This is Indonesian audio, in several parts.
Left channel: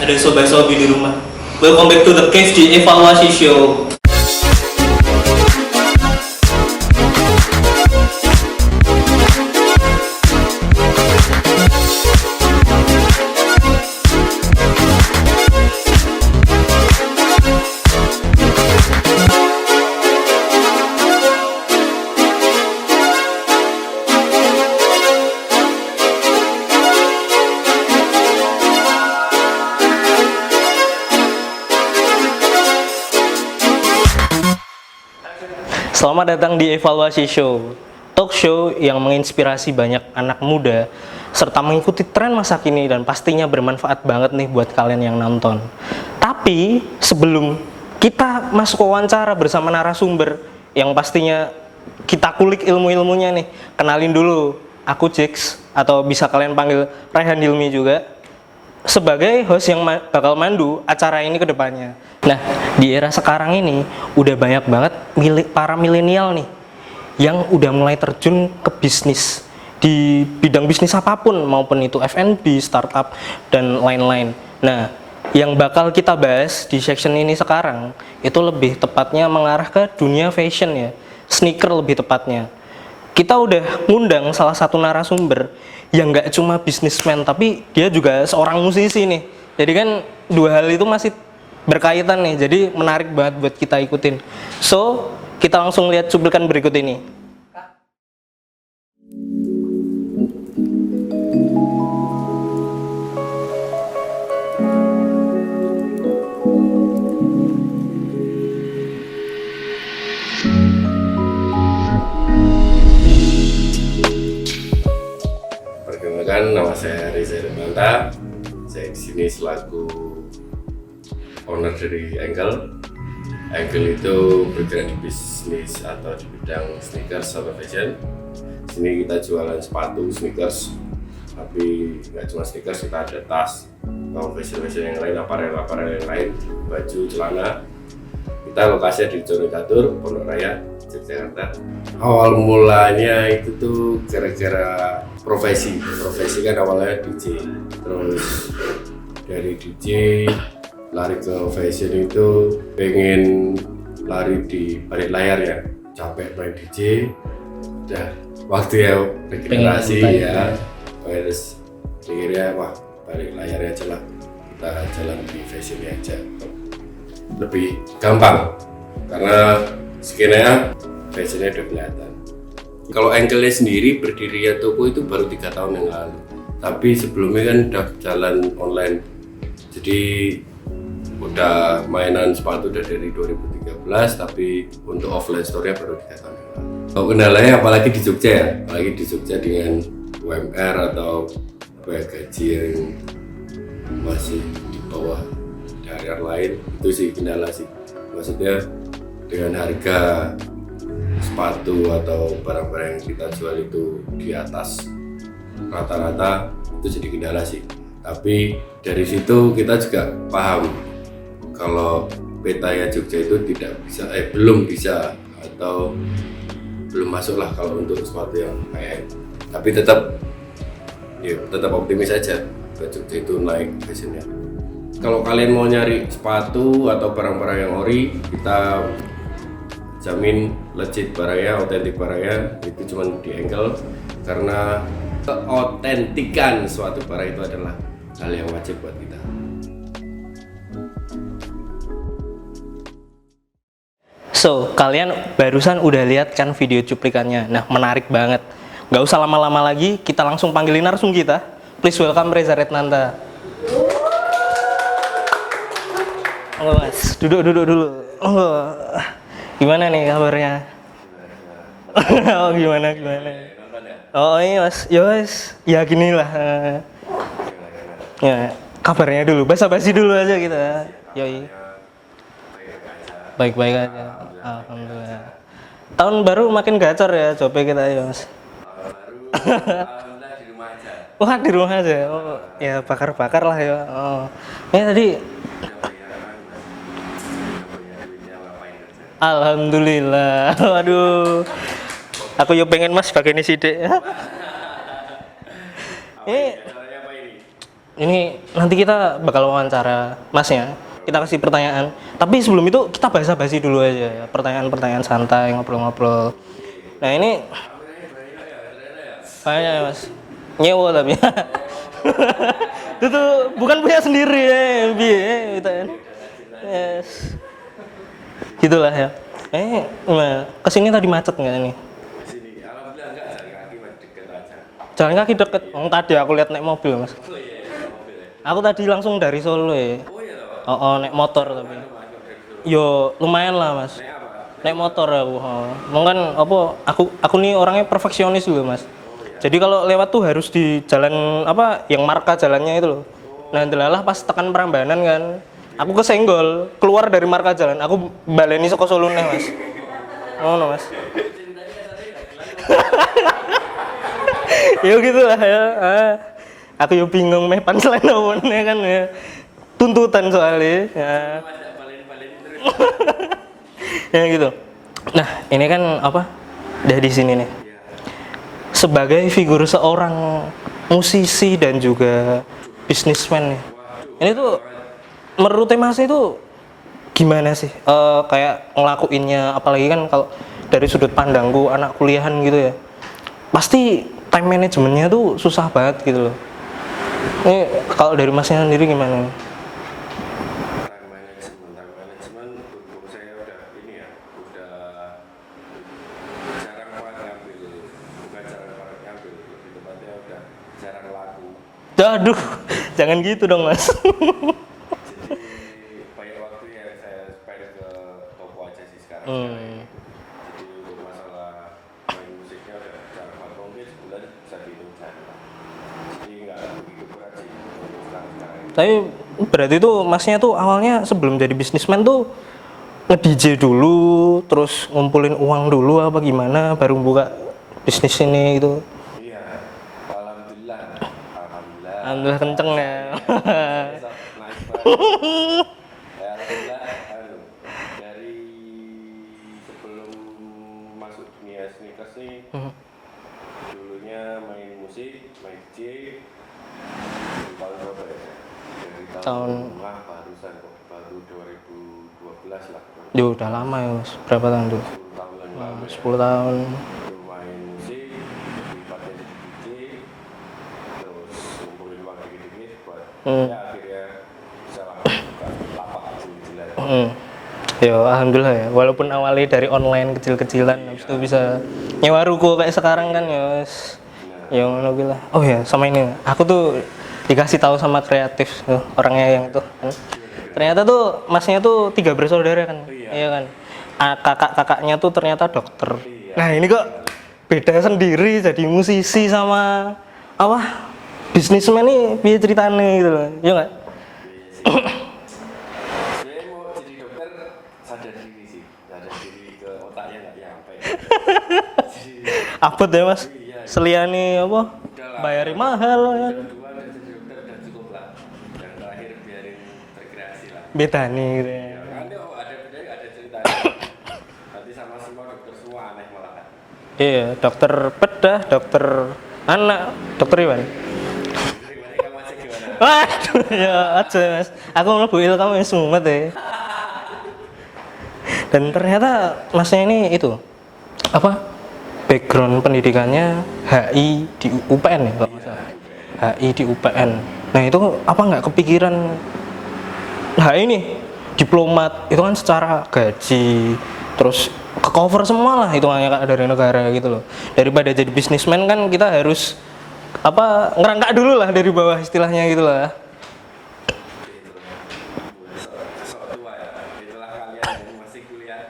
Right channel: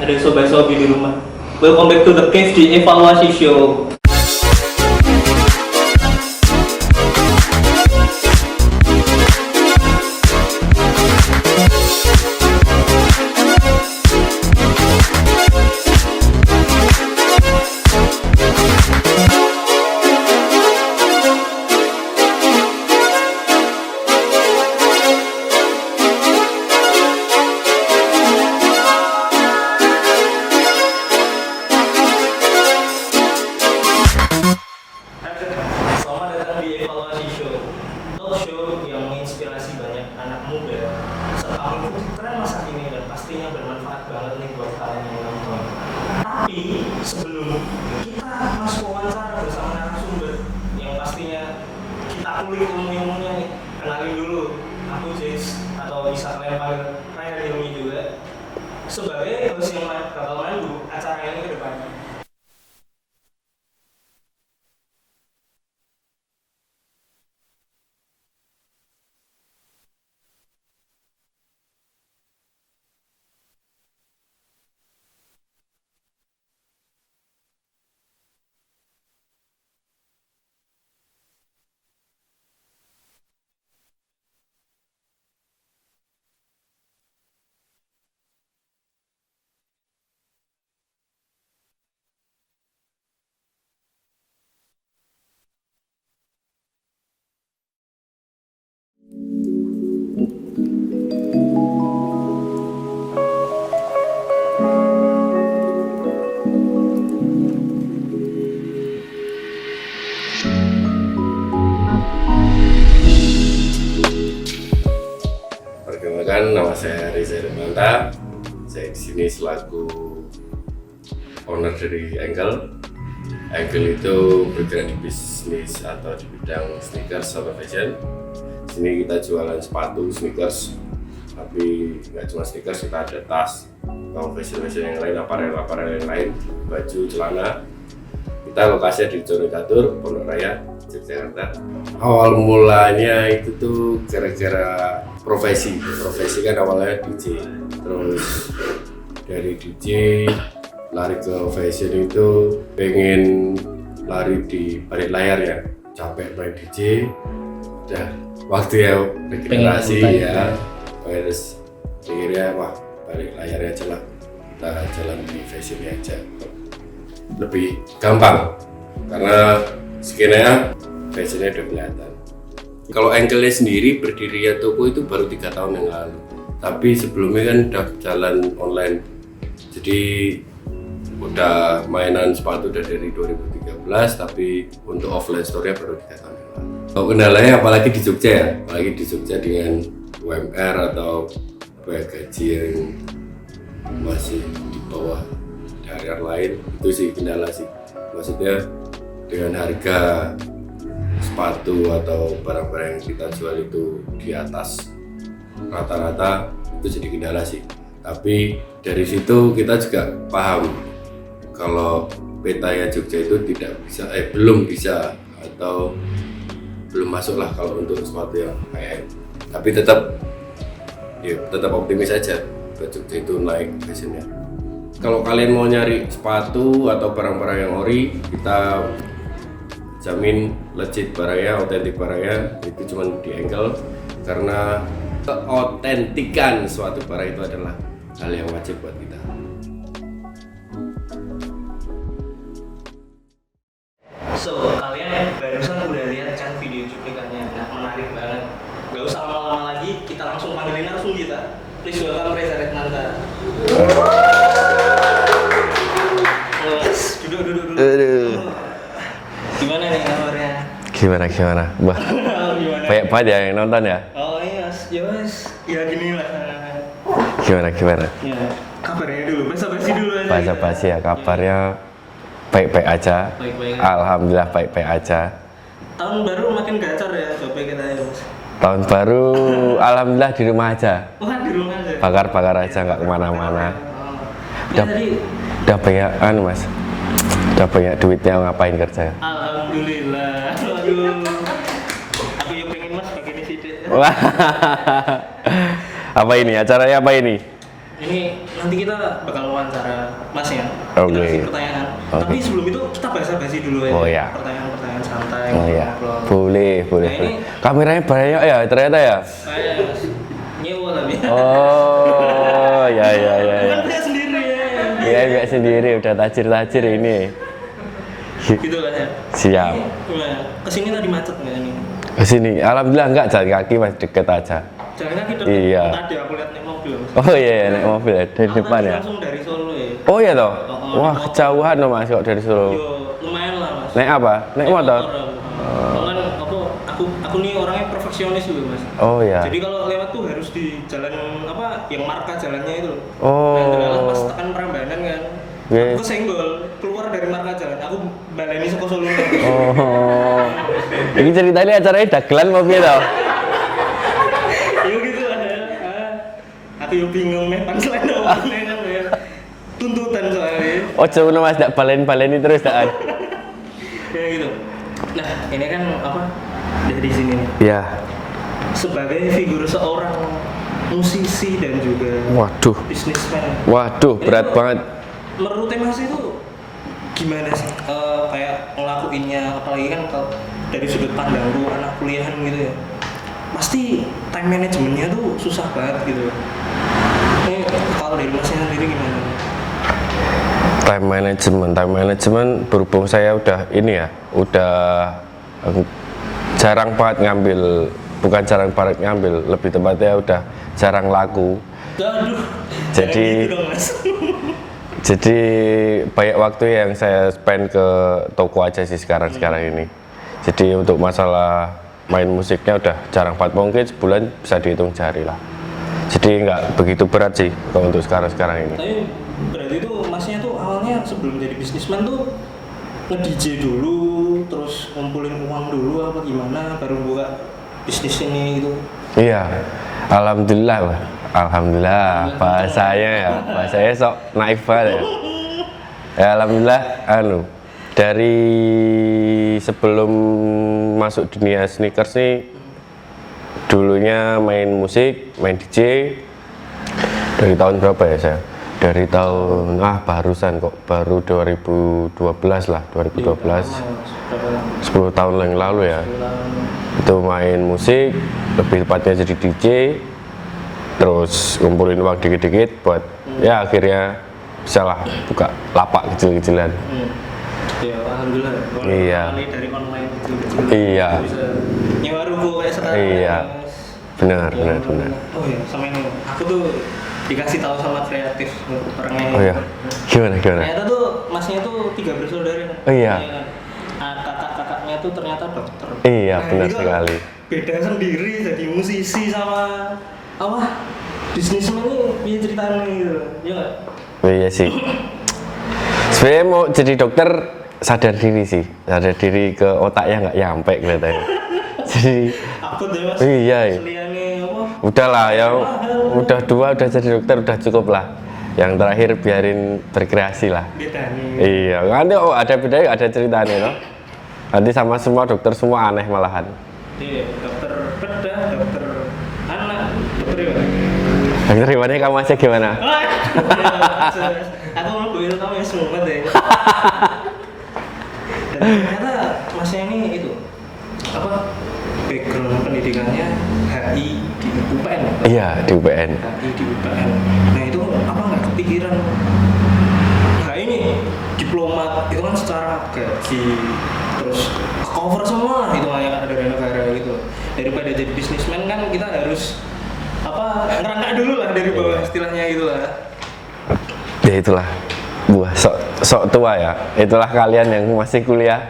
Ada sobat-sobi di rumah. Welcome back to the cave di evaluasi show. Selamat datang di Evaluasi Show, talk show yang menginspirasi banyak anak muda serta mengikuti tren masa kini dan pastinya bermanfaat banget nih buat kalian yang nonton. Tapi sebelum kita masuk wawancara bersama narasumber yang pastinya kita kulik ilmu-ilmunya nih, kenalin dulu, aku Jix atau bisa kalian panggil Raihan Hilmi juga sebagai host yang bakal mandu acara ini ke depannya. Nah, di era sekarang ini udah banyak banget para milenial nih yang udah mulai terjun ke bisnis di bidang bisnis apapun, maupun itu F&B, startup, dan lain-lain. Nah, yang bakal kita bahas di section ini sekarang itu lebih tepatnya mengarah ke dunia fashion ya, sneaker lebih tepatnya. Kita udah ngundang salah satu narasumber yang nggak cuma bisnismen, tapi dia juga seorang musisi nih. Jadi kan dua hal itu masih berkaitan nih, jadi menarik banget buat kita ikutin. So, kita langsung lihat cuplikan berikut ini. Perkenalkan, nama saya Reza Irmanta. Saya di sini selaku owner dari Ankle. Ankle itu bergerak di bisnis atau di bidang sneakers atau fashion. Di sini kita jualan sepatu, sneakers, tapi nggak cuma sneakers, kita ada tas, atau fashion yang lain, aparel yang lain, baju, celana. Kita lokasinya di Condet Catur, Pondok Raya, Yogyakarta. Awal mulanya itu tuh gara-gara profesi kan awalnya DJ, terus dari DJ lari ke fashion itu pengen lari di balik layar ya, capek main DJ, udah waktu ya regenerasi ya, terus akhirnya wah balik layar aja lah, kita jalan di fashion aja, lebih gampang karena skenanya fashionnya udah kelihatan. Kalau Ankle sendiri berdiri ya toko itu baru 3 tahun yang lalu, tapi sebelumnya kan udah jalan online, jadi udah mainan sepatu udah dari 2013, tapi untuk offline store-nya baru 3 tahun yang lalu. Kalau kendalanya apalagi di Jogja ya, apalagi di Jogja dengan UMR atau gaji yang masih di bawah daerah lain, itu sih kendala sih. Maksudnya dengan harga sepatu atau barang-barang yang kita jual itu di atas rata-rata, itu jadi kendala sih. Tapi dari situ kita juga paham kalau petanya Jogja itu belum bisa atau belum masuk lah kalau untuk sepatu yang high-end. Tapi tetap optimis saja buat Jogja itu naik fashionnya. Kalau kalian mau nyari sepatu atau barang-barang yang ori, kita jamin legit barangnya, otentik barangnya, itu cuma di Ankle, karena keotentikan suatu barang itu adalah hal yang wajib buat kita. So, kalian barusan udah lihat kan video cuplikannya. Nah, menarik banget. Gak usah lama-lama lagi, kita langsung panggilin narsum kita. Please welcome Reza Retnanta. Halo Mas, duduk. Oh. Gimana nih kabarnya? Gimana? Wah, Oh, gimana? banyak banget ya yang nonton ya? Oh iya Mas, ya Mas, ya gini lah. Gimana? Ya, kabarnya dulu, basa-basi dulu aja kita. Basa-basi ya, kabarnya baik-baik aja. Baik-baik aja. Alhamdulillah baik-baik aja. Tahun baru makin gacor ya, coba kita ya Mas. Tahun baru, alhamdulillah di rumah aja. Wah, di rumah aja. Bakar-bakar aja, nggak bakar-bakar lah kemana-mana. ya. Oh. Ya tadi, Udah banyak Mas. Udah banyak duitnya, ngapain kerja? alhamdulillah. Waduh. Aku yuk pengen Mas bagian ini sidik. Wah. Apa ini? Acaranya apa ini? ini nanti kita bakal wawancara Masnya. Kita Oke. kasih pertanyaan. Tapi sebelum itu kita basa-basi dulu aja. Oh, iya. Pertanyaan-pertanyaan santai, Iya. ngobrol-ngobrol. Boleh. Nah, ini Kameranya banyak ya ternyata ya. kayaknya Mas nyewa tapi. Oh, ya. Bukan punya sendiri ya. Iya, enggak sendiri udah tajir-tajir ini. Gitulah ya. Siap. Ini, gimana? Kesini tadi macet nggak ini? Ke sini, alhamdulillah enggak, jalan kaki Mas, deket aja. Jalan kaki deket. Iya. Tadi aku lihat naik mobil Mas. Oh iya, naik mobil ya, dari Aku depan tadi ya. langsung dari Solo ya. Oh iya toh? Oh, wah, naik motor. jauhan loh Mas kok dari Solo. Yo lumayan lah Mas. Naik apa? Naik motor? aku. Kan apa? Aku nih orangnya perfeksionis juga Mas. Oh iya. Jadi kalau lewat tuh harus di jalan apa? Yang marka jalannya itu loh. Oh. Nah, delalah pas tekan Prambanan kan. Iya. Aku kesenggol, keluar dari marka jalan. Aku baleni saka Solo nang Mas. Oh. Ngono Mas. Ini ceritanya acaranya dagelan mobil loh. Ya gitu lah ya. Aku yo bingung meh punchline awalnya kan ya. Tuntutan soalnya. Oh cuma Mas, tak balen-baleni terus tak. Ya gitu. Nah, ini kan apa? Dari sini nih. Iya. Sebagai figur seorang musisi dan juga Waduh. bisnismen. Waduh, Ini berat tuh, banget. Menurut Mas itu gimana sih? Kayak ngelakuinnya, apalagi kan kalau dari sudut pandangku anak kuliahan gitu ya. Pasti time manajemennya tuh susah banget gitu loh. Ini kalau dari Masnya sendiri gimana? Time management berhubung saya udah ini ya, udah jarang banget ngambil, bukan jarang banget ngambil, lebih tepatnya udah jarang laku. Aduh, jangan Jadi- gitu dong Mas. Jadi banyak waktu yang saya spend ke toko aja sih sekarang ini. Jadi untuk masalah main musiknya udah jarang banget, mungkin sebulan bisa dihitung jari lah. Jadi nggak begitu berat sih kalau untuk sekarang ini. Tapi berarti tuh Masnya tuh awalnya sebelum jadi bisnismen tuh nge-DJ dulu, terus ngumpulin uang dulu apa gimana, baru buka bisnis ini gitu. Iya, alhamdulillah, Pak. Alhamdulillah, bahasanya ya, bahasanya sok naif banget ya. Ya alhamdulillah, dari sebelum masuk dunia sneakers nih, dulunya main musik, main DJ dari tahun berapa ya saya? Dari tahun barusan kok, baru 2012 lah, Ya udah 2012. lama ya Mas, berapa tahun? 10 tahun yang lalu ya. 10 tahun. Itu main musik, lebih tepatnya jadi DJ, terus ngumpulin uang dikit-dikit buat ya akhirnya bisa lah buka lapak kecil-kecilan. Ya alhamdulillah ya, walaupun Iya. awalnya dari online kecil-kecilan Iya. itu bisa nyewa ruko kayak sekarang kan Iya. ya Mas. Benar, Ya benar, alhamdulillah. Oh ya, sama ini, aku tuh dikasih tahu sama kreatif orangnya Oh yang iya, gimana? ternyata tuh Masnya tuh 3 bersaudara kan. Oh iya. kan. Kakak-kakaknya tuh ternyata dokter. Iya, Nah benar ini kok sekali. beda sendiri jadi musisi sama apa bisnismen nih biar ceritanya gitu loh. Iya nggak? Oh iya sih. Sebenarnya mau jadi dokter sadar diri sih, sadar diri ke otaknya nggak nyampe katanya. Jadi Abot ya Mas. Iya, iya. Seliane apa? udahlah ya, Mahal. udah 2 udah jadi dokter udah cukup lah. Yang terakhir biarin berkreasi lah. Beda nih. Iya, nanti ada bedanya, ada ceritanya loh. Nanti sama semua dokter semua aneh malahan. Iya, dokter bedah, dokter anak, dokter apa? Dokter Iwannya kamu aja gimana? Ya, aja Mas. Aku mlebu kamu yang sumet ya. Dan ternyata Masnya ini itu apa? Background pendidikannya HI di UPN ya? Pak? Iya, di UPN. HI di UPN. Nah itu apa nggak kepikiran? Nah ini diplomat itu kan secara gaji terus ke cover semua lah hitungannya Kak, dari negara gitu loh. Daripada jadi bisnismen kan kita harus apa ngerangkak dulu lah dari bawah istilahnya gitu lah. Ya itulah buah sok tua ya. Itulah kalian yang masih kuliah.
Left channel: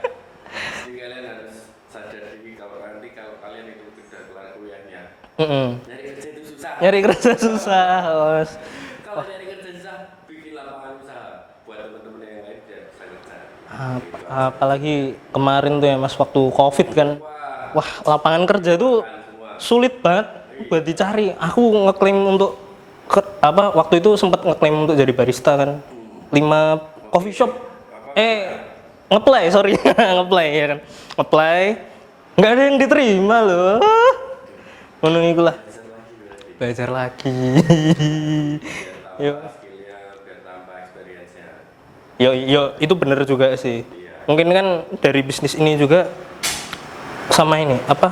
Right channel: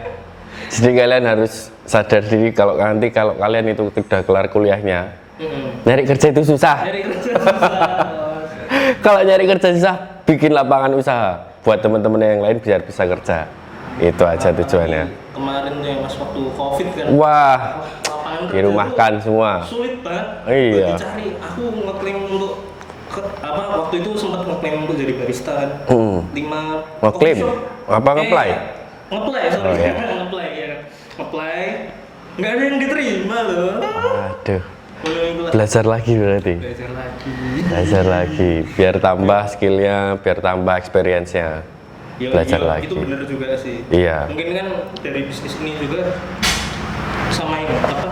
Jadi kalian harus sadar diri kalau kalian itu udah kelar kuliahnya. Nyari kerja itu susah. Nyari kerja susah. Bos. Kalau nyari kerja susah, bikin lapangan usaha buat teman-teman yang lain biar bisa kerja. Itu aja tujuannya. Apalagi kemarin tuh ya Mas waktu Covid kan. Wah, Wah, lapangan kerja tuh dirumahkan semua. sulit banget Iya. buat dicari. Aku ngeklaim untuk waktu itu sempat ngeklaim untuk jadi barista kan. 5 coffee Ngeklaim? shop. Apa ngeplay? Ngeplay, sorry. Ngeplay ya kan. Ngeplay. Nggak ada yang diterima loh. Aduh. Ngono iku lah. Belajar lagi berarti. Belajar lagi. Belajar lagi, biar tambah skillnya, biar tambah experience-nya. Belajar lagi. Itu bener juga sih. Iya. Mungkin kan dari bisnis ini juga sama ini apa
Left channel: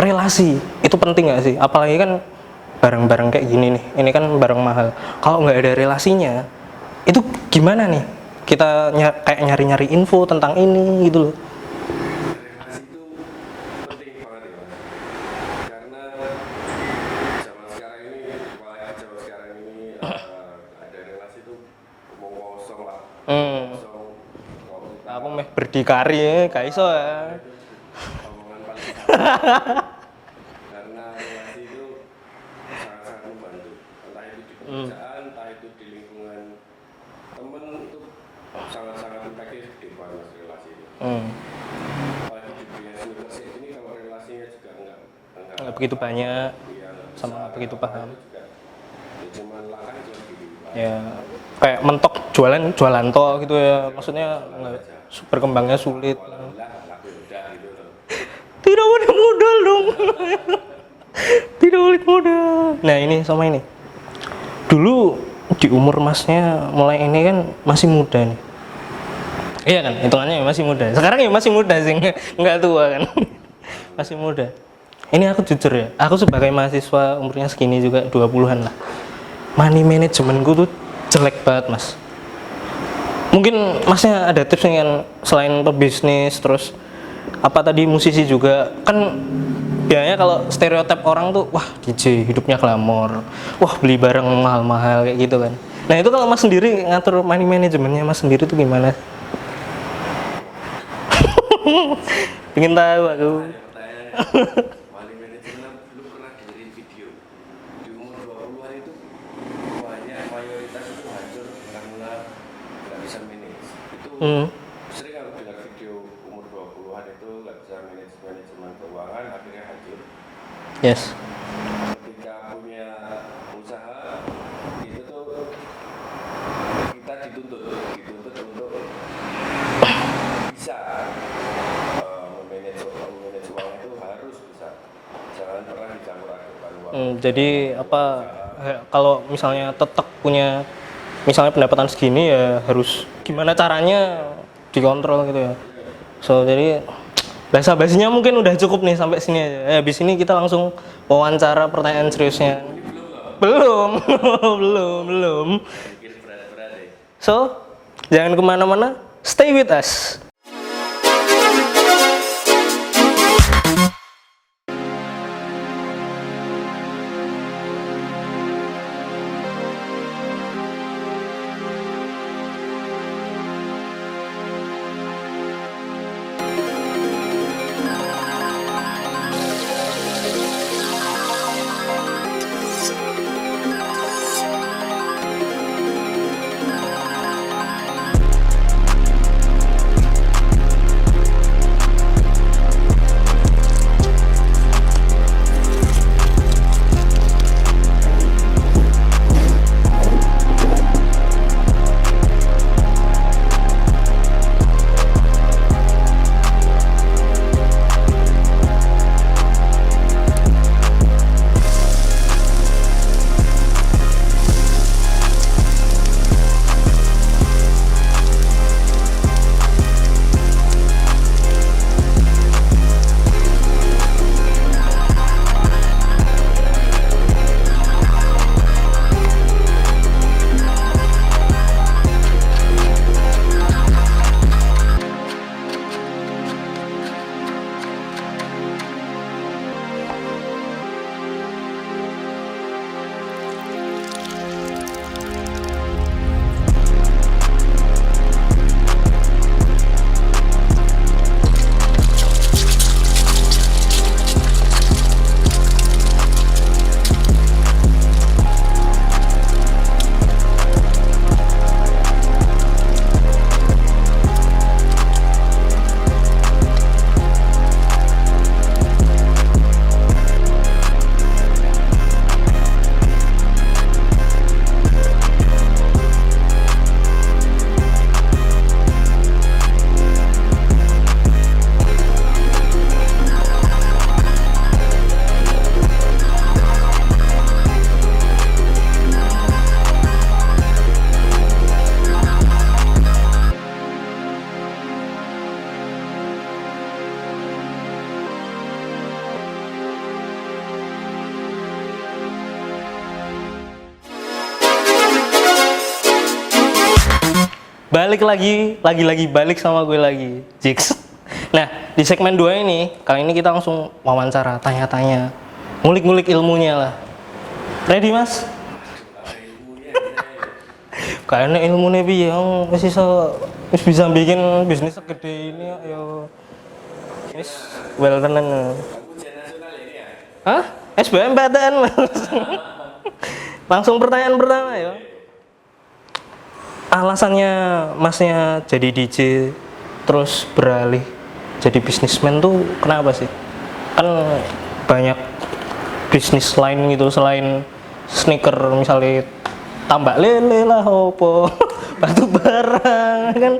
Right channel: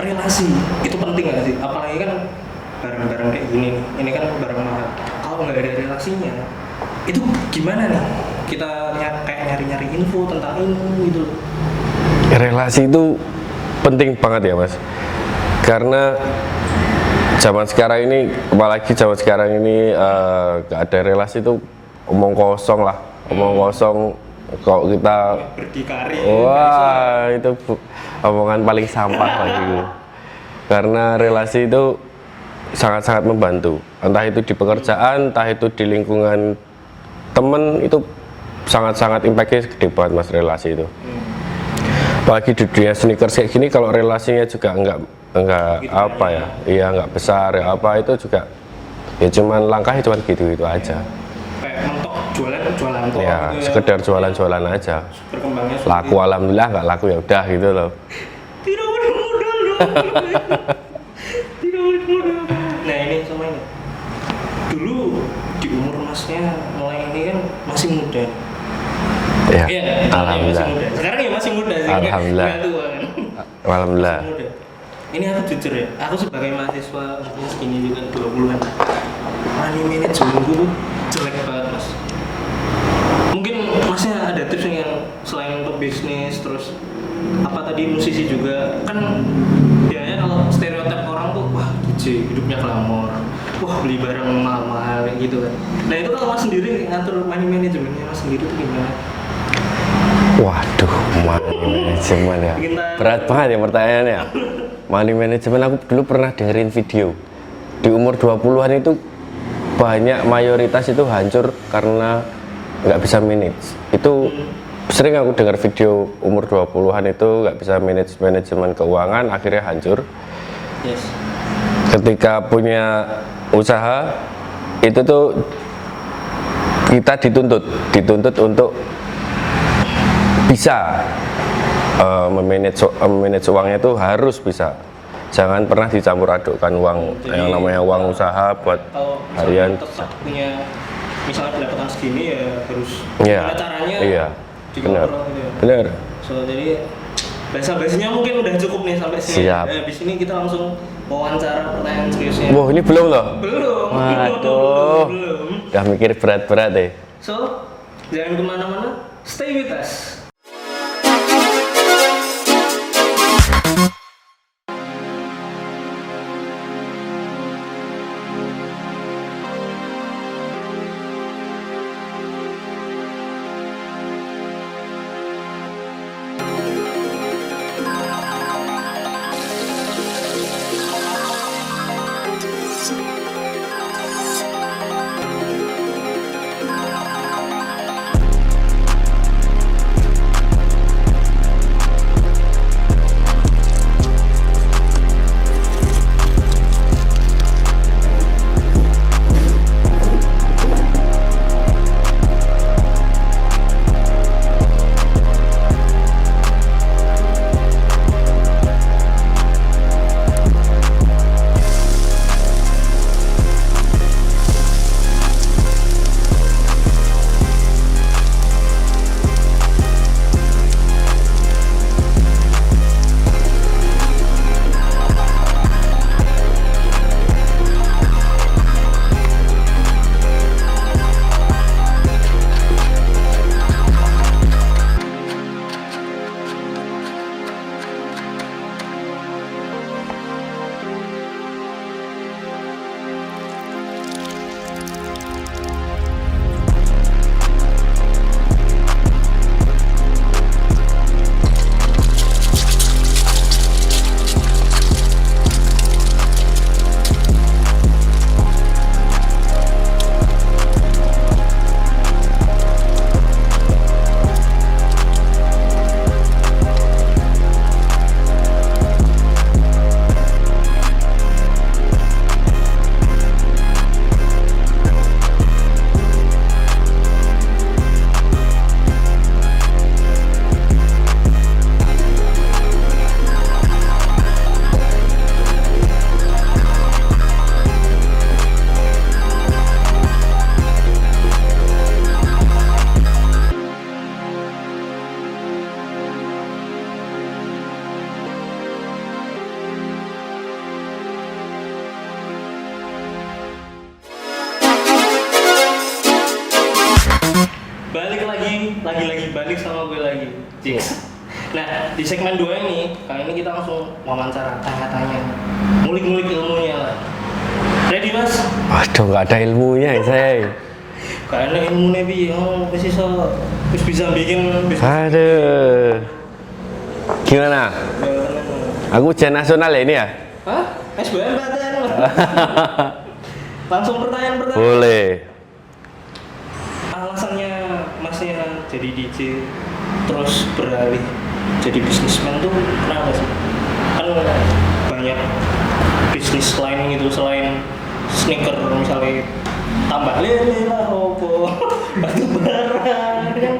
relasi itu penting nggak sih? Apalagi kan barang-barang kayak gini nih, ini kan barang mahal. Kalau nggak ada relasinya, itu gimana nih? Kita kayak nyari-nyari info tentang ini gitu loh. Relasi itu penting banget ya mas, karena zaman sekarang ini, apalagi zaman sekarang ini nggak ada relasi itu omong kosong lah, omong kosong. Kalau kita berdikari, kayak iso. itu omongan paling sampah bagiku. Karena relasi itu sangat-sangat membantu, entah itu di pekerjaan, entah itu di lingkungan temen, itu sangat-sangat impactnya gede banget mas relasi itu. Apalagi di dunia sneakers kayak gini, kalau relasinya juga enggak Begitu apa banyak. ya, iya enggak besar ya apa, itu juga ya cuman langkahnya cuman gitu-gitu aja. Kayak mentok jualan toh Ya, gitu ya. sekedar jualan-jualan aja. Berkembangnya sulit. Laku alhamdulillah, nggak laku ya udah gitu loh. Tidak ada modal dong. Tidak boleh modal. Nah ini sama ini. Dulu di umur masnya mulai ini kan masih muda. Ya. Iya kan, hitungannya masih muda. Sekarang ya masih muda sih, Alhamdulillah. nggak tua kan. Alhamdulillah. Masih muda. Ini aku jujur ya, aku sebagai mahasiswa umurnya segini juga 20-an lah. Money managementku tuh jelek banget mas. Mungkin masnya ada tips nih kan, selain pebisnis terus apa tadi musisi juga kan, biasanya kalau stereotip orang tuh wah DJ hidupnya glamor, wah beli barang mahal-mahal kayak gitu kan. Nah itu kalau mas sendiri ngatur money managementnya mas sendiri tuh gimana? Waduh, money management ya. Ingin tahu. Berat banget ya pertanyaannya. Money management, aku dulu pernah dengerin video. Di umur 20-an itu banyak, mayoritas itu hancur karena nggak bisa manage. Itu sering aku dengar video umur 20-an itu nggak bisa manajemen keuangan, akhirnya hancur. Yes. Ketika punya usaha itu tuh kita dituntut untuk bisa memanage uangnya itu harus bisa. Jangan pernah dicampur adukkan uang yang namanya uang usaha buat kalau misalnya tetap punya misalnya pendapatan segini ya harus gimana caranya dikontrol gitu ya. Bener. So jadi basa-basinya mungkin udah cukup nih sampai sini. Siap. Habis ini kita langsung wawancara pertanyaan seriusnya. Wah, ini belum loh. Belum. Waduh. belum. Udah mikir berat-berat deh. So jangan kemana-mana, stay with us. balik lagi balik sama gue lagi, Jix. Nah, di segmen 2 ini, kali ini kita langsung wawancara, tanya-tanya, ngulik-ngulik ilmunya lah. Ready, Mas? Waduh, nggak ada ilmunya ya saya. Kayaknya ilmunya piye, wis bisa bikin bisnis. Aduh. Gimana? Well, tenang. Aku ujian nasional ya ini ya? Hah? SBMPTN, Mas. Langsung pertanyaan pertama. Boleh. Alasannya Masnya jadi DJ terus beralih jadi bisnismen tuh kenapa sih? Kan banyak bisnis lain gitu selain sneaker, misalnya tambak lele lah opo batu bara kan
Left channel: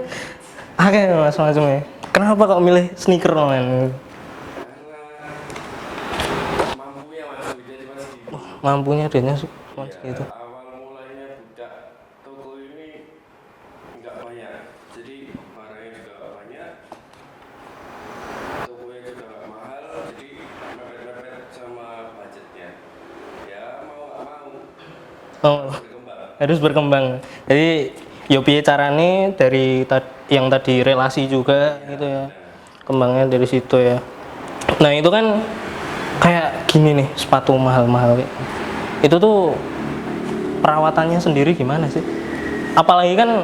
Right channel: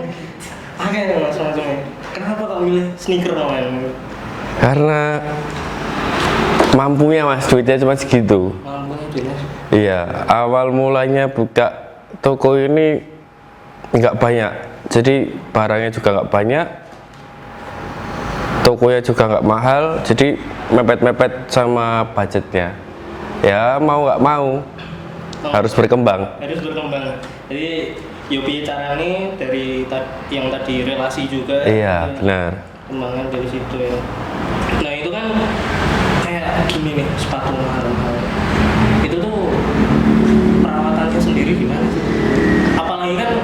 akhirnya langsung ya. Kenapa kok milih sneaker men? Karena mampunya mas, duitnya cuma segitu. Mampunya dia sih. Iya, awal mulanya buka toko ini nggak banyak, jadi barangnya juga nggak banyak, tokonya juga nggak mahal, jadi mepet-mepet sama budgetnya. Ya mau nggak mau harus berkembang. Harus berkembang. Jadi yo piye carane dari yang tadi relasi juga. Iya, gitu ya. benar. Kembangnya dari situ ya. Nah itu kan kayak gini nih, sepatu mahal-mahal. Itu tuh perawatannya sendiri gimana sih? Apalagi kan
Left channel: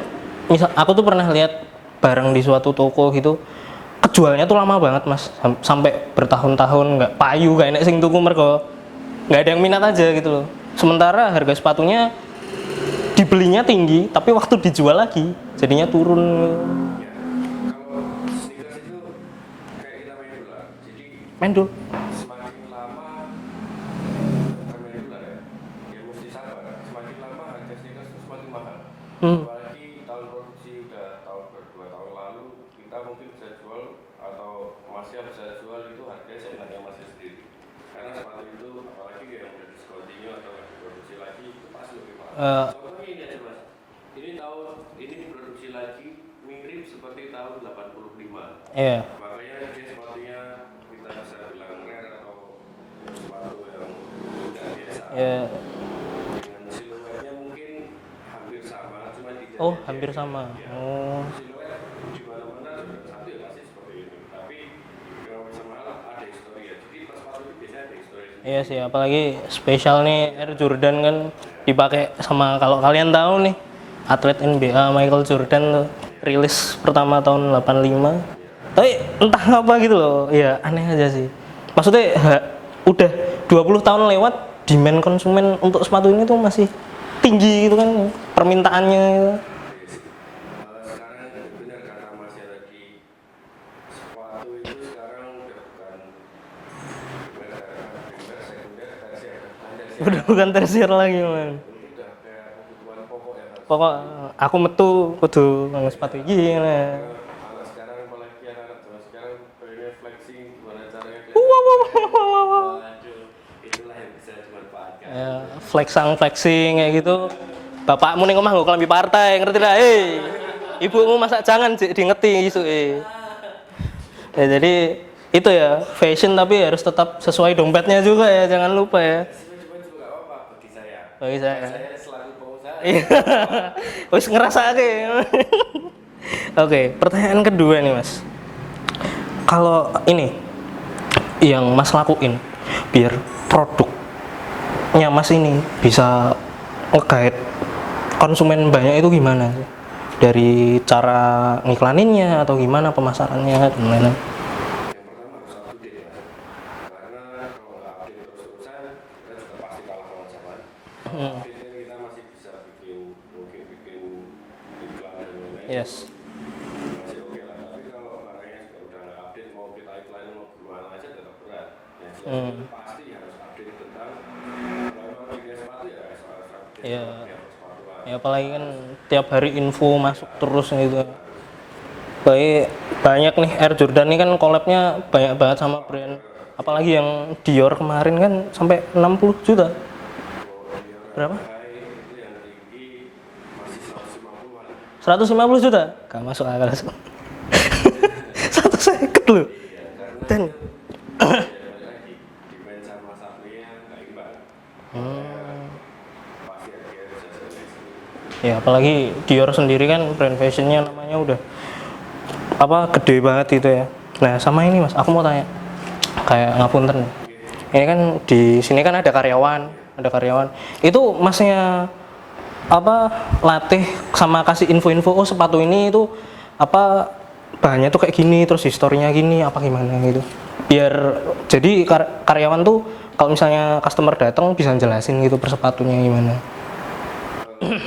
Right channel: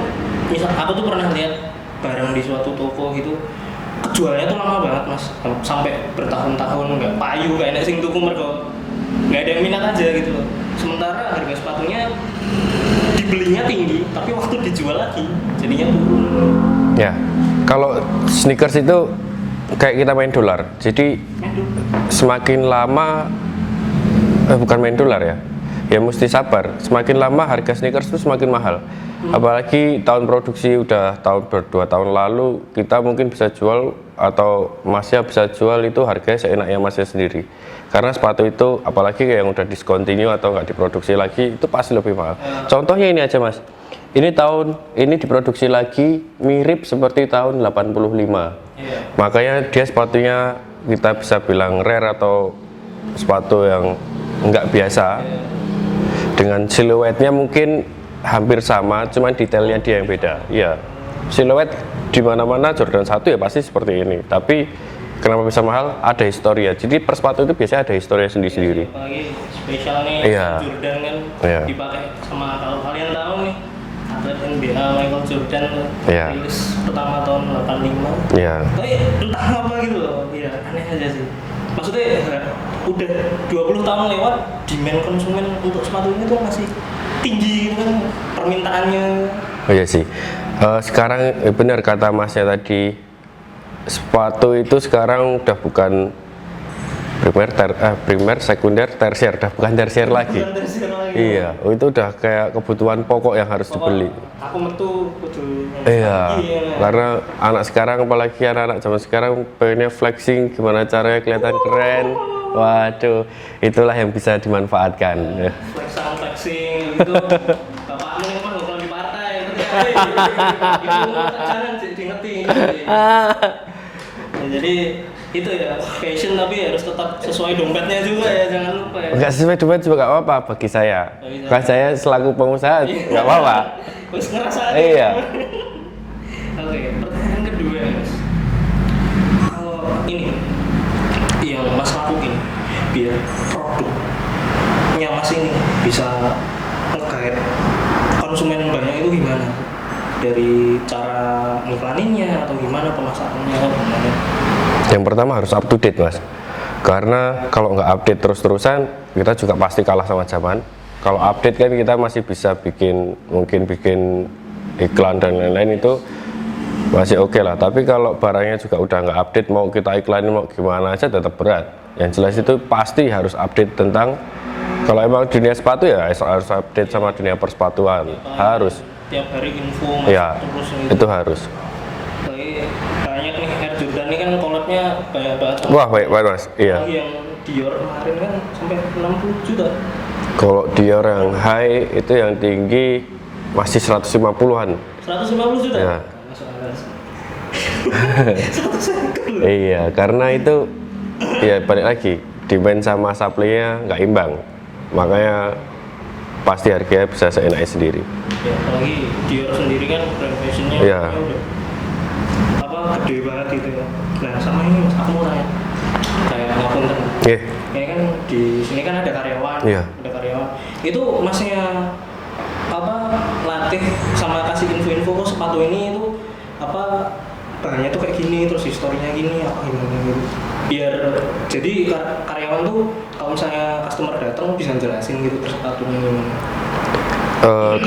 misal aku tuh pernah lihat barang di suatu toko gitu, kejualnya tuh lama banget mas, sampai bertahun-tahun nggak payu, nggak enak sing tuku mergo nggak ada yang minat aja gitu loh. Sementara harga sepatunya dibelinya tinggi, tapi waktu dijual lagi jadinya turun. Ya, kalau sneakers itu kayak kita main dolar, jadi Main dulu. semakin lama bukan main dolar ya mesti sabar. Semakin lama harga sneakers itu semakin mahal. Apalagi tahun produksi udah tahun 2 tahun lalu, kita mungkin bisa jual atau masnya bisa jual itu harganya seenaknya masnya sendiri. Karena sepatu itu apalagi yang udah discontinue atau nggak diproduksi lagi itu pasti lebih mahal. Contohnya ini aja mas, ini diproduksi lagi mirip seperti tahun 85. Iya. Makanya dia sepatunya kita bisa bilang rare atau sepatu yang nggak biasa. Iya. Dengan siluetnya mungkin hampir sama, cuman detailnya dia yang beda. Iya. Siluet di mana-mana Jordan 1 ya pasti seperti ini. Tapi kenapa bisa mahal? Ada historia. Jadi per sepatu itu biasanya ada historia sendiri-sendiri. Iya sih, apalagi spesial nih Iya. Jordan kan Iya. dipakai sama, kalau kalian tahu nih, atlet NBA Michael Jordan tuh, Iya. rilis pertama tahun 85. Iya. Tapi entah apa gitu loh, ya aneh aja sih. Maksudnya udah 20 tahun lewat, demand konsumen untuk sepatu ini tuh masih tinggi gitu kan, permintaannya. Oh iya sih. Sekarang benar kata masnya tadi, sepatu itu sekarang udah bukan primer, sekunder, tersier, udah bukan tersier lagi. Bukan tersier lagi. Iya, itu udah kayak kebutuhan pokok yang harus dibeli. Aku metu kudu Iya, sepatu gini. karena anak sekarang, apalagi anak-anak zaman sekarang pengennya flexing, gimana caranya kelihatan keren. Waduh, itulah yang bisa dimanfaatkan. Flexing kayak gitu. Bapakmu ning omah nggo klambi partai, ngerti ta? Ibumu masa jangan diingeti gitu. Ya, jadi itu ya fashion, tapi harus tetap sesuai dompetnya juga ya, jangan lupa ya. Enggak sesuai dompet juga nggak apa-apa bagi saya. Bagi saya. Kan saya selaku pengusaha nggak apa-apa. Wis ngerasa Iya. Oke, pertanyaan kedua nih mas. Kalau ini yang mas lakuin biar produknya mas ini bisa nge-guide konsumen banyak itu gimana? Dari cara ngiklaninnya atau gimana, pemasarannya gimana? Yang pertama harus up to date mas. Karena kalau nggak update terus-terusan, kita juga pasti kalah sama zaman. Kalau update kan kita masih bisa mungkin bikin iklan dan lain-lain, itu masih oke lah. Tapi kalau barangnya juga udah nggak update, mau kita iklanin mau gimana aja tetap berat. Yang jelas itu pasti harus update tentang, kalau emang dunia sepatu ya harus update sama dunia persepatuan. Apalagi Harus. tiap hari info masuk Ya, terus gitu. itu harus. Banyak nih Air Jordan ini kan collab-nya banyak banget sama. Wah, baik banget mas. Iya. Apalagi yang Dior kemarin kan sampai 60 juta. Kalau Dior yang high itu yang tinggi masih 150-an. 150 juta? Ya. Gak masuk akal. 150 loh. Iya, karena itu ya balik lagi demand sama supply-nya nggak imbang. Makanya pasti harganya bisa seenaknya sendiri. Ya, apalagi Dior sendiri kan brand fashionnya Iya. udah apa gede banget itu ya. Nah sama ini mas, aku mau tanya kayak ngapunten. Iya. Ini kan di sini kan ada karyawan, Iya. ada karyawan. Itu masnya apa latih sama kasih info-info oh sepatu ini itu apa bahannya tuh kayak gini, terus historinya gini, apa gimana gitu. Biar jadi karyawan tuh kalau misalnya customer datang bisa jelasin gitu persepatunya gimana.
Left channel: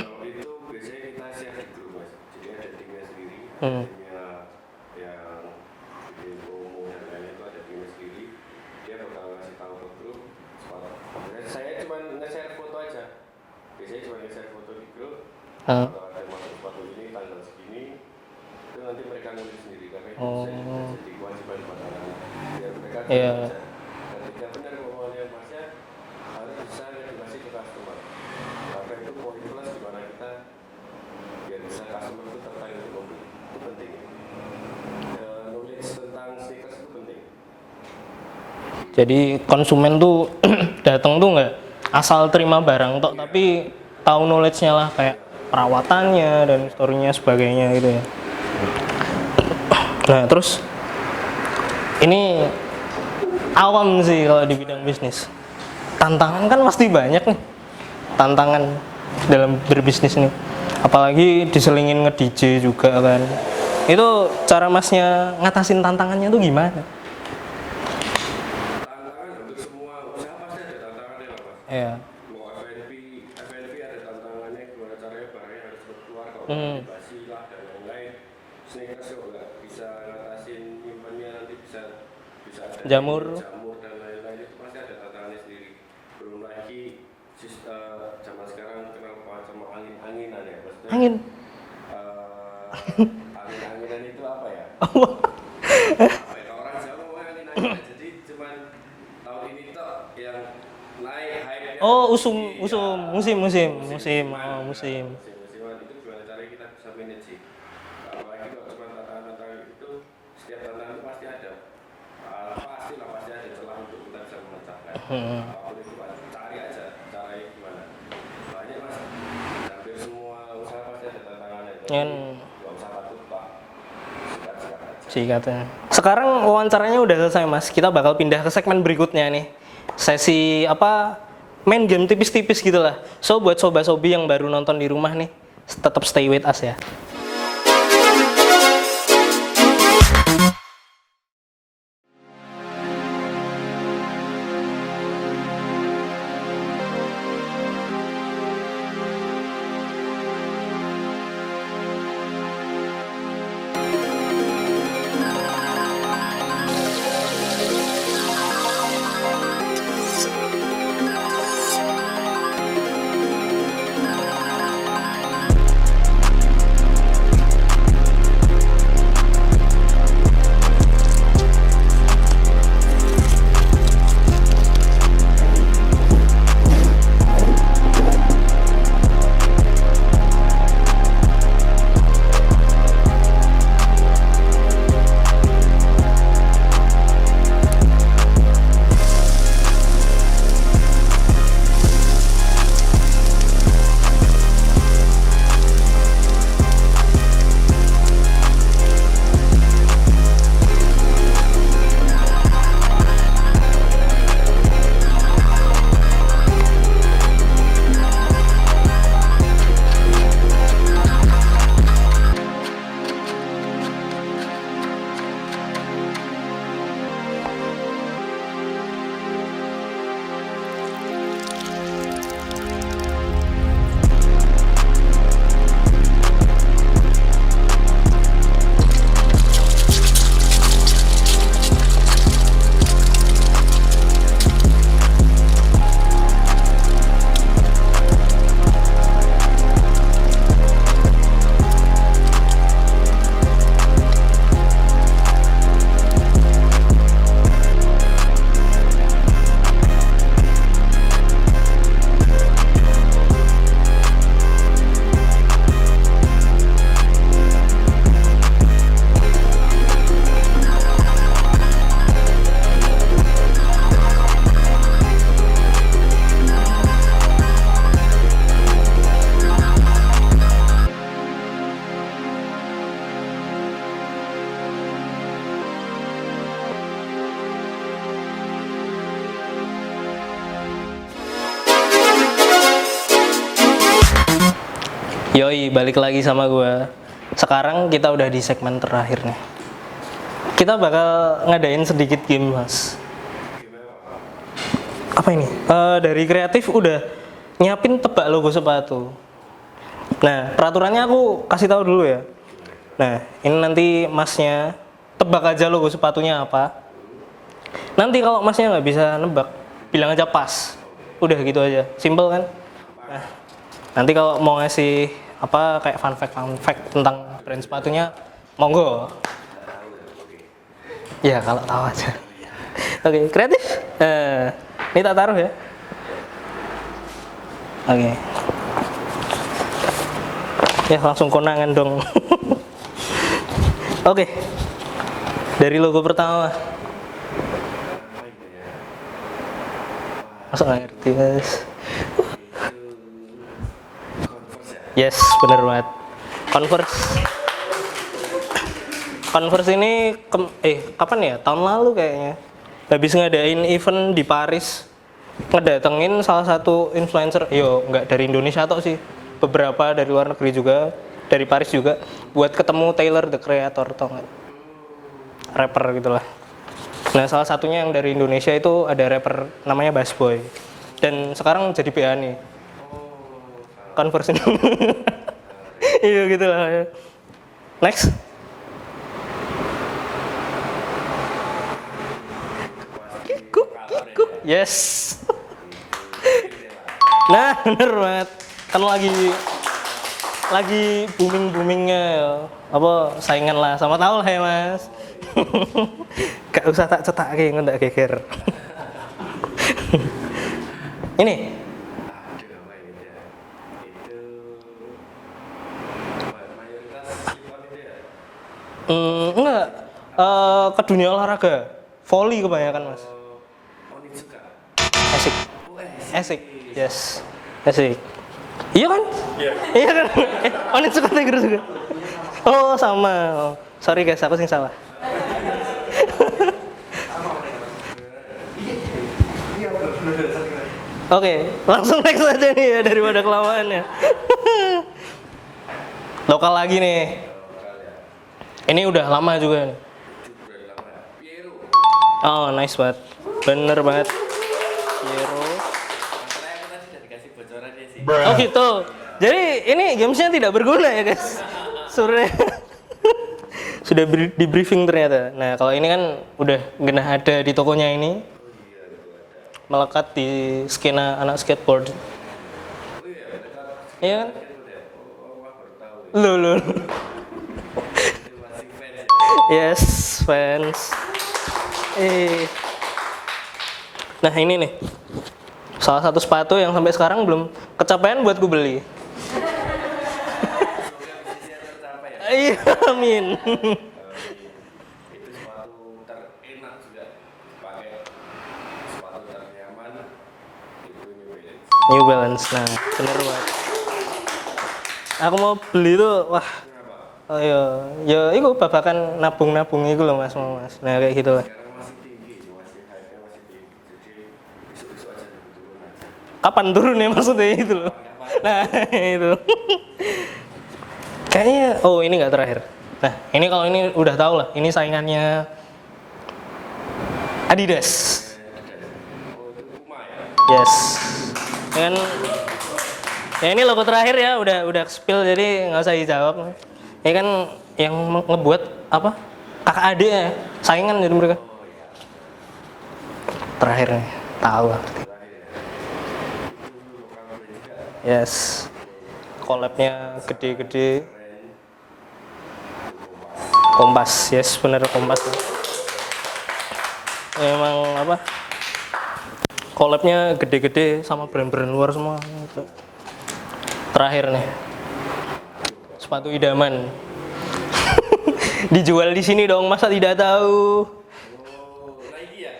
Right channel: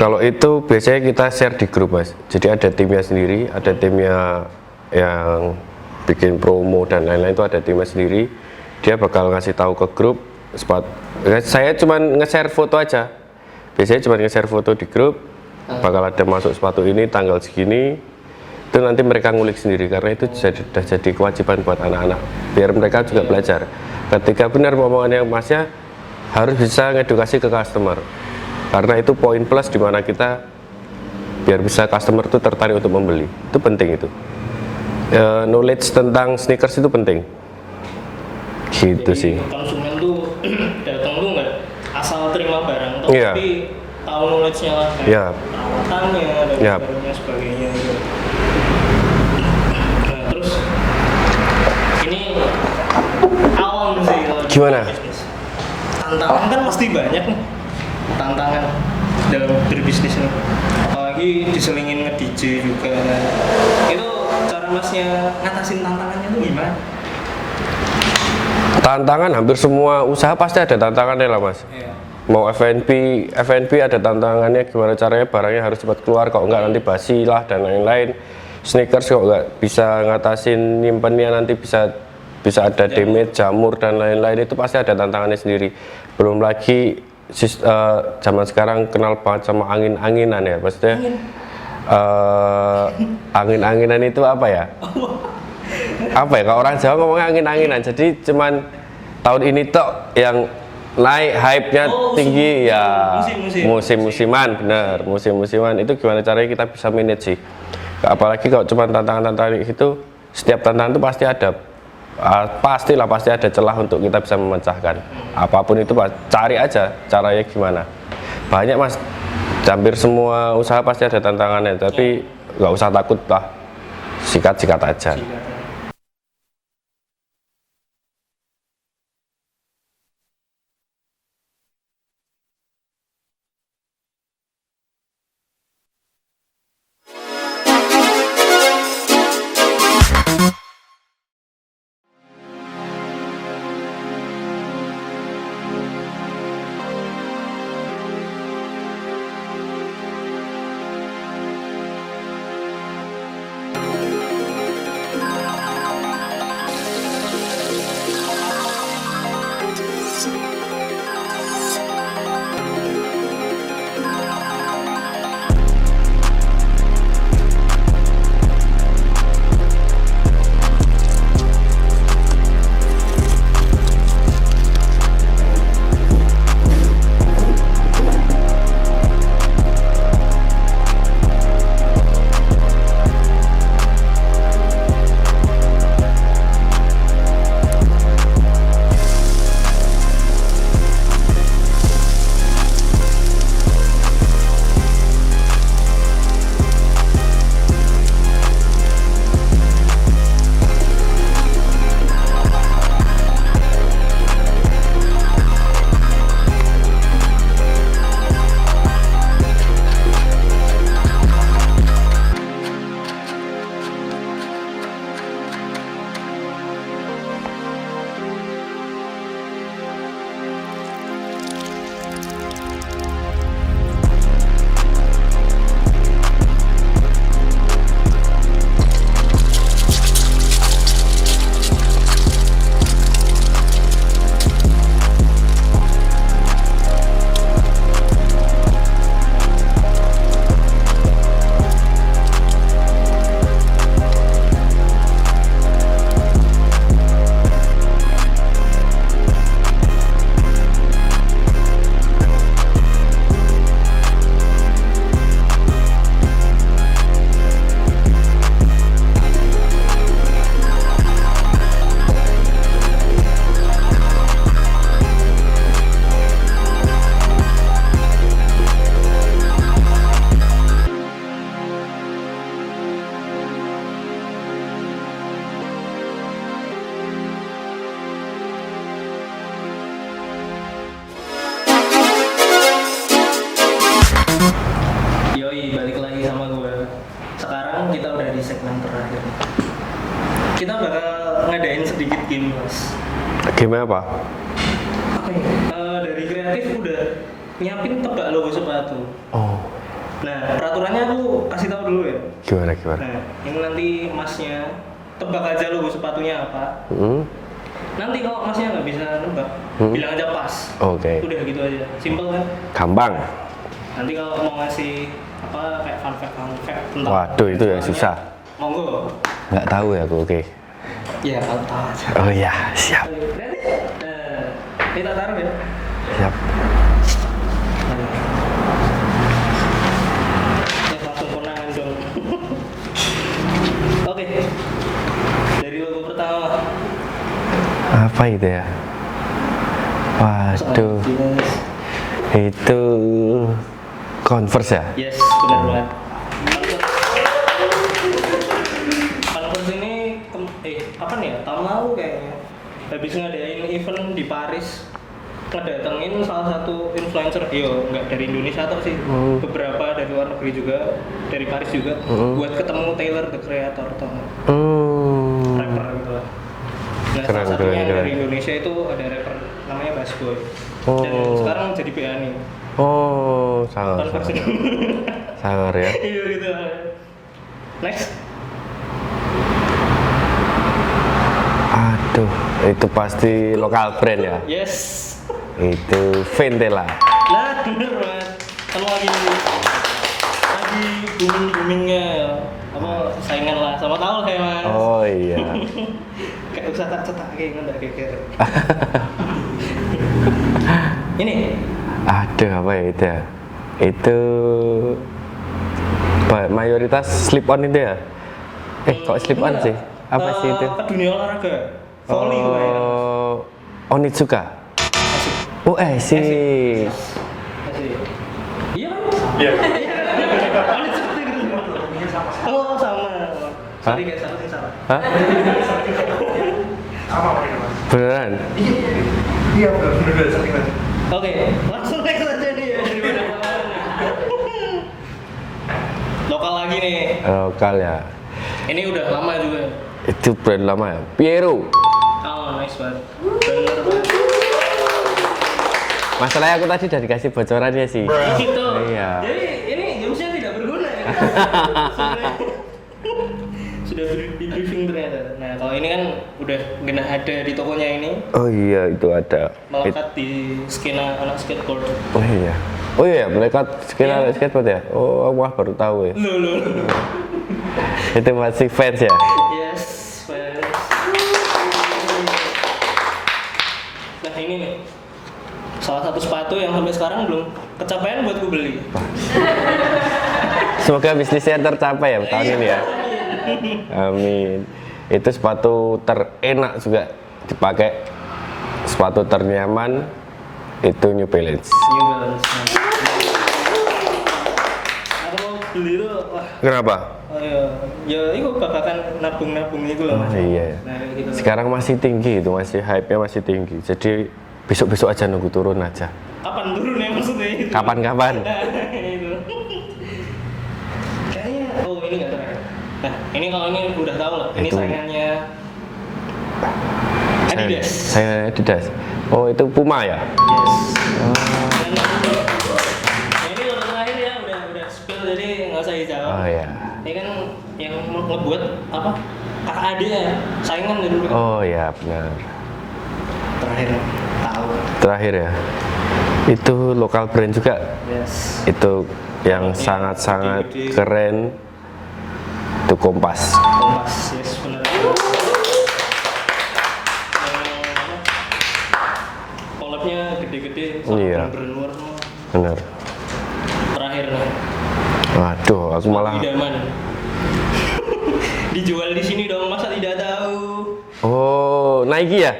Kalau itu biasanya kita share di grup mas. Jadi ada timnya sendiri, ada timnya yang bikin promo dan lain-lain itu ada timnya sendiri. Dia bakal ngasih tahu ke grup sepatu. Saya cuma nge-share foto aja. Biasanya cuma nge-share foto di grup. Bakal ada masuk sepatu ini tanggal segini. Itu nanti mereka ngulik sendiri karena itu sudah jadi kewajiban buat anak-anak. Biar mereka juga belajar. Ketika benar omongannya masnya harus bisa ngedukasi ke customer. Karena itu poin plus di mana kita biar bisa customer itu tertarik untuk membeli. Itu penting itu. Knowledge tentang sneakers itu penting. Gitu Jadi sih. konsumen tuh datang tuh nggak asal terima barang, Iya. tapi tahu knowledge-nya lah kayak Iya. perawatannya dan Iya. historinya sebagainya gitu. Nah terus ini awam sih kalau di Gimana? bisnis. Tantangan kan pasti banyak nih. Tantangan dalam berbisnis nih. Apalagi diselingin nge-DJ juga kan. Itu cara masnya ngatasin tantangannya tuh gimana? Tantangan hampir semua usaha pasti ada tantangannya lah mas. Iya. Mau F&B ada tantangannya gimana caranya barangnya harus cepat keluar, kalau enggak nanti basi lah dan lain-lain. Sneakers kok nggak bisa ngatasin nyimpennya nanti bisa ada damage, jamur dan lain-lain, itu pasti ada tantangannya sendiri. Belum lagi zaman sekarang kenal banget sama angin-anginan ya, maksudnya angin-anginan itu apa ya? Apa ya? Kalau orang Jawa ngomongnya angin-anginan, jadi cuman tahun ini tok yang naik hype-nya tinggi ya musim-musiman, benar musim-musiman itu gimana caranya kita bisa manage sih. Apalagi kalau cuma tantangan-tantangan itu, setiap tantangan itu pasti ada pasti ada celah untuk kita bisa memecahkan. Apapun itu cari aja caranya gimana. Banyak mas, hampir semua usaha pasti ada tantangannya, tapi nggak usah takut lah, sikat-sikat aja. Sekarang wawancaranya udah selesai mas, kita bakal pindah ke segmen berikutnya nih. Sesi apa, main game tipis-tipis gitu lah. So buat sobat-sobi yang baru nonton di rumah nih, tetap stay with us ya. Yoi, balik lagi sama gue. Sekarang kita udah di segmen terakhir nih. Kita bakal ngadain sedikit game, Mas. Game apa? Apa ini? Dari kreatif udah nyiapin tebak logo sepatu. Oh, Nah, peraturannya aku kasih tahu dulu ya. gimana? Nah, ini nanti Masnya tebak aja logo sepatunya apa. Hmm? Nanti kalau Masnya nggak bisa nebak, bilang aja pas. Oke. Udah gitu aja, simple kan? Gampang. Nanti kalau mau ngasih apa kayak fun fact tentang Waduh, brand itu ya sepatunya, susah. monggo. Nggak tahu ya aku, oke. Ya kalau tahu aja. Oh iya, siap. Oke, kreatif. Ini tak taruh ya. Siap. Oke. Ya langsung konangan dong. Oke. Dari logo pertama. Apa itu ya? Waduh, Yes. itu Converse ya? Yes, benar banget. Converse. Converse ini kapan ya? Tahun lalu kayaknya. Habis ngadain event di Paris, ngedatengin salah satu influencer, nggak dari Indonesia atau sih, beberapa dari luar negeri juga, dari Paris juga, buat ketemu Taylor the Creator, tau nggak? Rapper gitulah. Nah, salah satunya yang dari Indonesia itu ada rapper namanya Bass Boy, dan sekarang jadi PA nih. Oh, sangar. Converse ini. Sangar ya. Iya gitu lah ya. Next. Aduh, itu pasti lokal brand ya. Yes. Itu Ventela. Nah, bener banget. Kan lagi boomingnya apa saingan lah, sama tahu lah ya Mas. Oh iya. Gak usah tak cetak kayak nggak geger. Ini Aduh, apa ya itu ya? Itu mayoritas slip on itu ya? Kok slip on enggak. sih? Apa sih itu? Ke dunia olahraga. Volley kebanyakan. Onitsuka. Oh, Asik. Yes. Asik. Iya kan? Iya. Iya kan? Onitsuka Tiger juga. Oh, sama. Oh. Sorry guys, aku sih salah. Hah? Beneran? Oke, langsung next aja nih ya daripada kelamaan ya. Lokal lagi nih. Lokal ya. Ini udah lama juga. Itu brand lama ya? Piero. Oh, nice banget. Bener banget. Masalahnya aku tadi udah dikasih bocorannya sih. Oh gitu. Iya. Jadi ini gamesnya tidak berguna ya guys. Sudah di briefing ternyata. Nah kalau ini kan udah genah ada di tokonya ini, Oh iya, itu ada. melekat di skena anak skateboard. Oh iya. Oh iya, melekat Iya. skateboard ya? Oh, aku malah baru tahu ya. Loh. Itu masih fans ya? Yes, fans. Nah ini nih, salah satu sepatu yang sampai sekarang belum kecapean buat gue beli. Semoga bisnisnya tercapai ya tahun ini ya. Amin. Amin. Itu sepatu terenak juga dipakai. Sepatu ternyaman itu New Balance. New Balance. Nah, bener. Aku mau beli tuh, wah. Kenapa? Oh ya itu babakan nabung-nabung itu loh Mas. Iya. Nah kayak gitu. Sekarang masih tinggi itu, masih hype-nya masih tinggi. Jadi besok-besok aja nunggu turun aja. Kapan turun ya maksudnya itu? Kapan-kapan. Nah itu. Kayaknya, oh ini nggak terakhir. Nah ini kalau ini udah tahu lah, ini saingannya Adidas. Saya Adidas. Oh itu Puma ya? Yes. Dan ya ini logo terakhir ya, udah spill jadi nggak usah dijawab. Oh ya. Ini kan yang ngebuat apa? Kakak adik ya, saingan jadi mereka. Oh ya benar. Terakhir tahu. Terakhir ya. Itu lokal brand juga. Yes. Itu yang Produknya sangat-sangat gede-gede. keren. Itu Kompas. Kompas, yes bener Kompas. Emang apa? Collabnya gede-gede sama Iya. brand-brand luar semua. Benar. Terakhir nih, Waduh, aku sepatu malah. idaman. Dijual di sini dong, masa tidak tahu? Oh, Nike ya?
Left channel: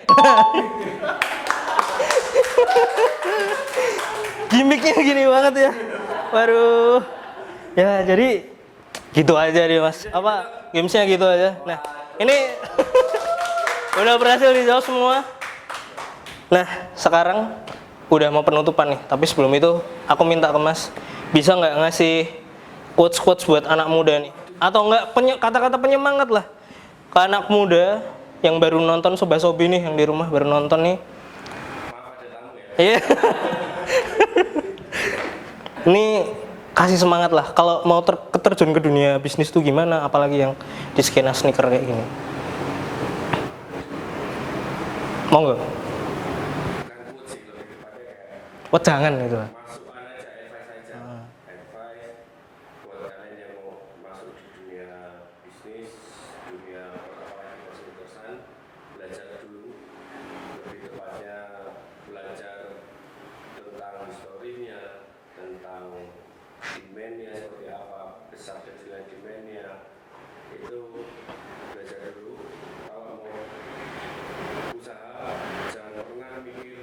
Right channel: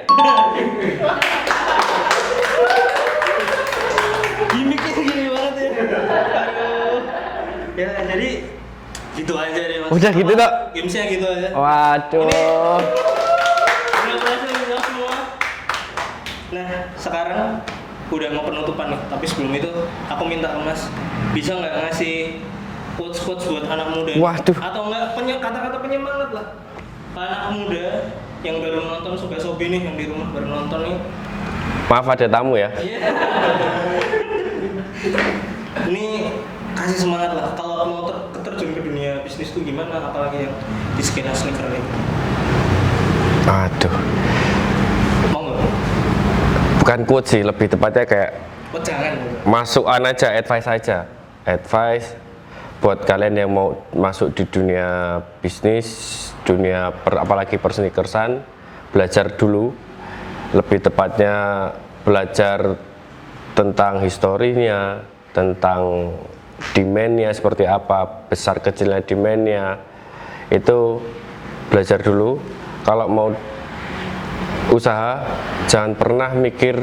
Gimmicknya gini banget ya. Waduh. Ya jadi gitu aja deh Mas. Udah gitu, Dok? Gamesnya gitu aja. Waduh. Ini udah berhasil dijawab semua. Nah, sekarang udah mau penutupan nih. Tapi sebelum itu, aku minta ke Mas, bisa nggak ngasih quotes buat anak muda nih. Waduh. Atau enggak kata-kata penyemangat lah ke anak muda yang baru nonton Soba-Sobi nih, yang di rumah baru nonton nih. Maaf ada tamu ya. Iya. Ini kasih semangat lah kalau mau terjun ke dunia bisnis tuh gimana, apalagi yang di skena sneaker ini. Aduh, Mau nggak? bukan quote sih, lebih tepatnya kayak Jangan gitu. masukan aja, advice aja. Advice buat kalian yang mau masuk di dunia bisnis, apalagi persneakersan, belajar dulu. Lebih tepatnya belajar tentang historinya, tentang demand-nya seperti apa, besar kecilnya demand-nya. Itu belajar dulu. Kalau mau usaha, jangan pernah mikir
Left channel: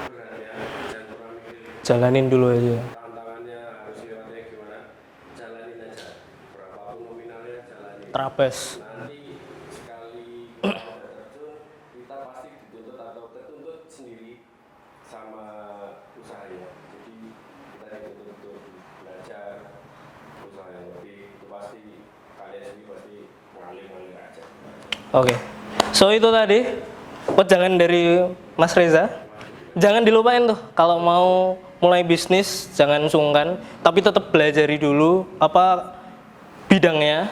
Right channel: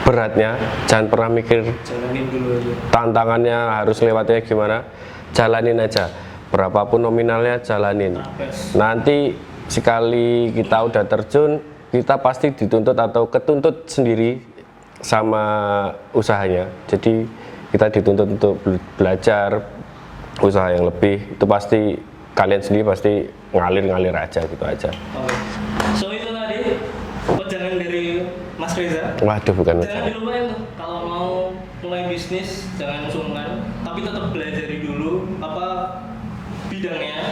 beratnya, jangan pernah mikir Jalanin dulu aja. tantangannya harus lewatnya gimana, jalanin aja. Berapapun nominalnya, jalanin. Trapes. Nanti sekali kita udah terjun, kita pasti dituntut atau ketuntut sendiri sama usahanya. Jadi kita dituntut untuk belajar usaha yang lebih. Itu pasti kalian sendiri pasti ngalir aja gitu aja. Oke. So itu tadi jangan dari Mas Reza. Waduh, bukan. Jangan dilupain tuh kalau mau mulai bisnis jangan sungkan, tapi tetap pelajari dulu apa bidangnya,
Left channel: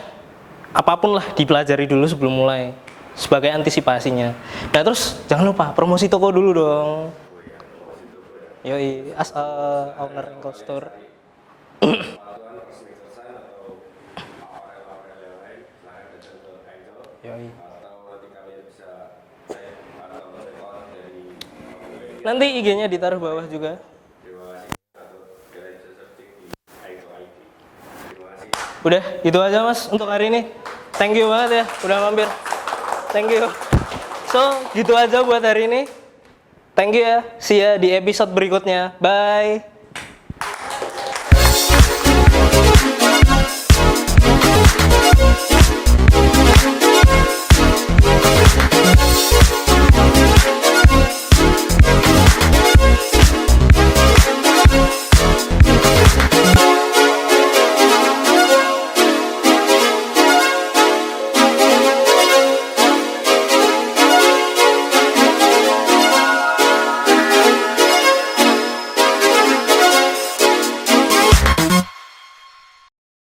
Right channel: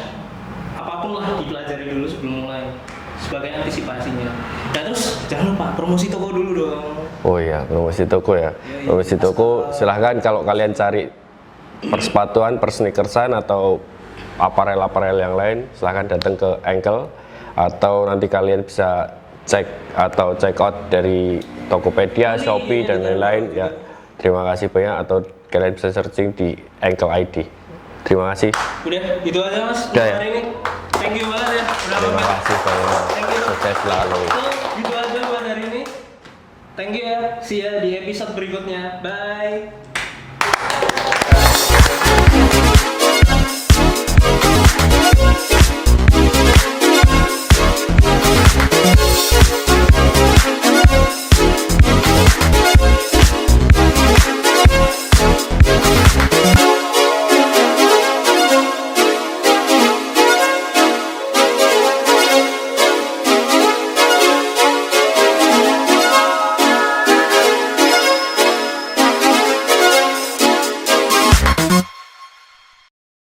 apapun lah dipelajari dulu sebelum mulai sebagai antisipasinya. Nah terus jangan lupa promosi toko dulu dong. Oh iya, promosi toko ya. Yoi. Promosi toko silahkan kalau kalian cari persepatuan, persneakersan atau aparel yang lain, silahkan datang ke Ankle atau nanti kalian bisa cek atau check out dari Tokopedia, Nanti Shopee IG-nya dan ditaruh lain-lain bawah ya. juga. Terima kasih banyak atau kalian bisa searching di Ankle ID. Terima kasih. Udah gitu aja Mas untuk Udah ya? hari ini. Thank you banget ya udah Terima mampir. kasih banyak. Thank you. Sukses selalu. So gitu aja buat hari ini. Thank you ya. See ya di episode berikutnya. Bye.